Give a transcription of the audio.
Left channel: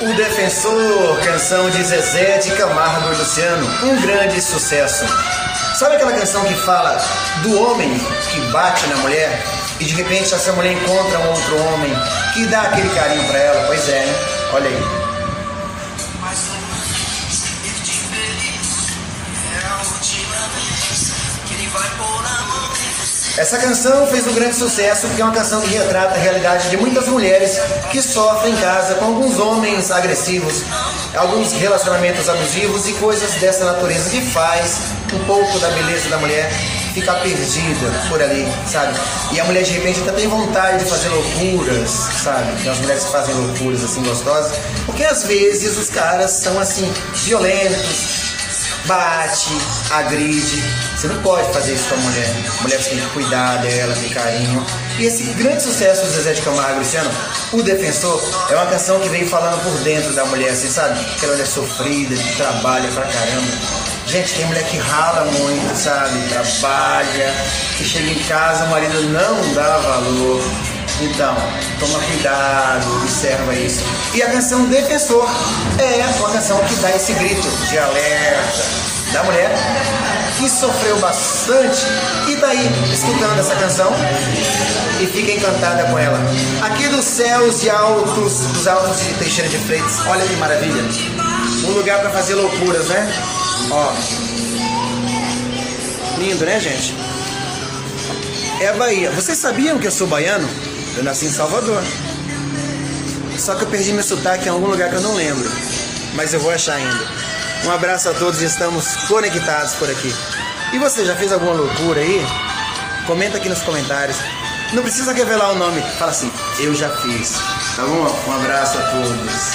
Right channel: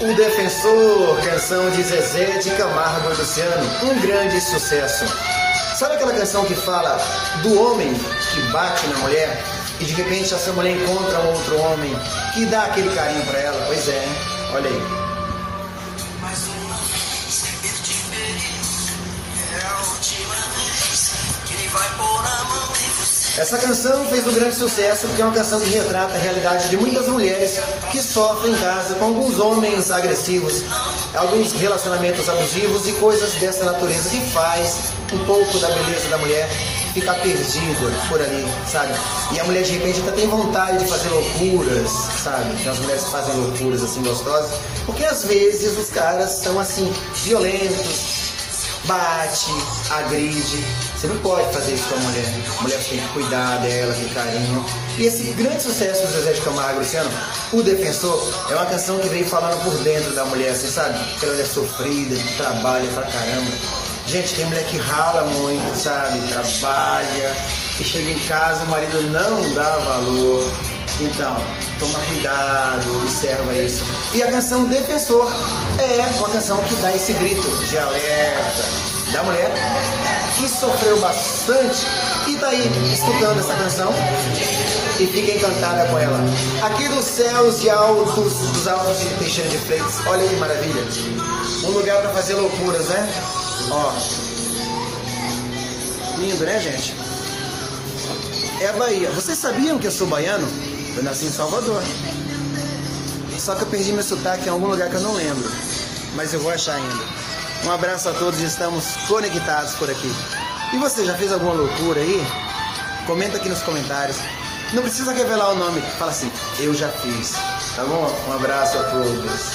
O Defensor, canção de Zezé de Camargo e Luciano, um grande sucesso. Sabe aquela canção que fala do homem que bate na mulher e de repente essa mulher encontra um outro homem que dá aquele carinho pra ela? Pois é, hein? Olha aí. Essa canção fez um grande sucesso porque é uma canção que retrata a realidade de muitas mulheres que sofrem em casa com alguns homens agressivos, alguns relacionamentos abusivos e coisas dessa natureza que faz um pouco da beleza da mulher ficar perdida por ali, sabe? E a mulher de repente até tem vontade de fazer loucuras, sabe? As mulheres que fazem loucuras assim gostosas, porque às vezes os caras são assim violentos, bate, agride. Você não pode fazer isso com a mulher. A mulher tem que cuidar dela, ter carinho. E esse grande sucesso do Zezé de Camargo e Luciano, O Defensor, é uma canção que veio falando por dentro da mulher, assim, sabe? Aquela mulher sofrida, que trabalha pra caramba. Gente, tem mulher que rala muito, sabe? Trabalha, que chega em casa, o marido não dá valor. Então, toma cuidado, observa isso. E a canção Defensor é uma canção que dá esse grito de alerta da mulher que sofreu bastante e tá aí escutando essa canção e fica encantada com ela. Aqui dos céus e altos, dos altos de Teixeira de Freitas, olha que maravilha. Um lugar pra fazer loucuras, né? Ó. Lindo, né, gente? É a Bahia. Vocês sabiam que eu sou baiano? Eu nasci em Salvador. Só que eu perdi meu sotaque em algum lugar que eu não lembro. Mas eu vou achar ainda. Um abraço a todos e estamos conectados por aqui. E você já fez alguma loucura aí? Comenta aqui nos comentários. Não precisa revelar o nome. Fala assim, eu já fiz. Tá bom? Um abraço a todos.